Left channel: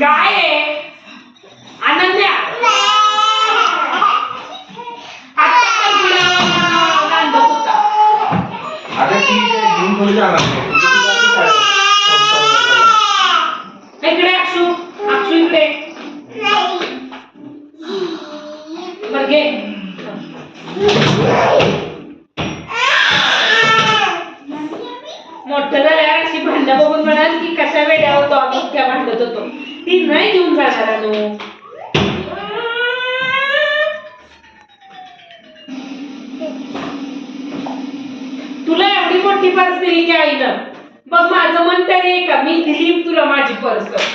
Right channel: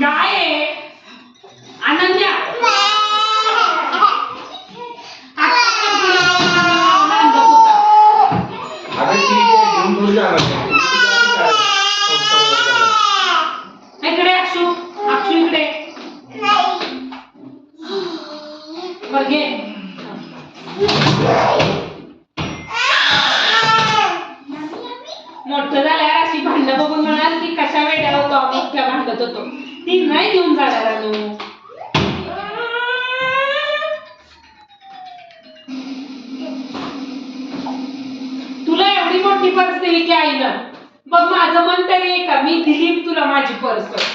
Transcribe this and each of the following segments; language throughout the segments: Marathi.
काय आहे अनन्या? इकडे अक्षू, अक्षू इकडे बरं घे. मोठं झाल्यावर अशी भांडण बघून म्हणाल की कशा वेड्या होतो आम्ही इतक्या भांडत होतो. ती नाही घेऊन जाणार अनु. तुला एवढी मोठी पर्स दिली की आईनं, बघ माझं मन तरी आहे का मी दिली तुला माझी पर्स.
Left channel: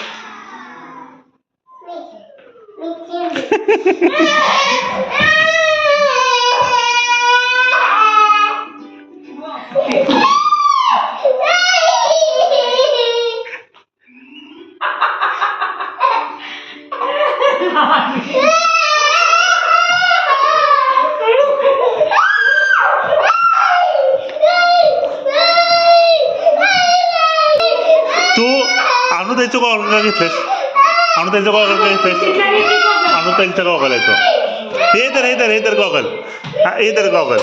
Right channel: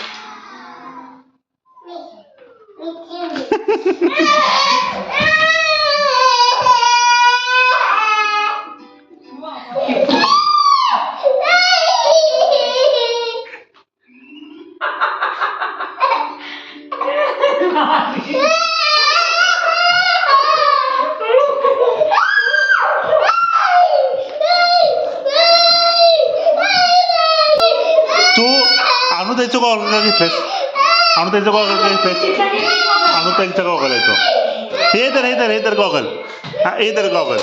तू आणू त्याचं गॉगल का घेतलंस? आणू त्याचं गॉगल का घेतलंस? आणू त्यांचा गॉगल आहे तो. हे तर गॉगल. हा हे तर गॉगल.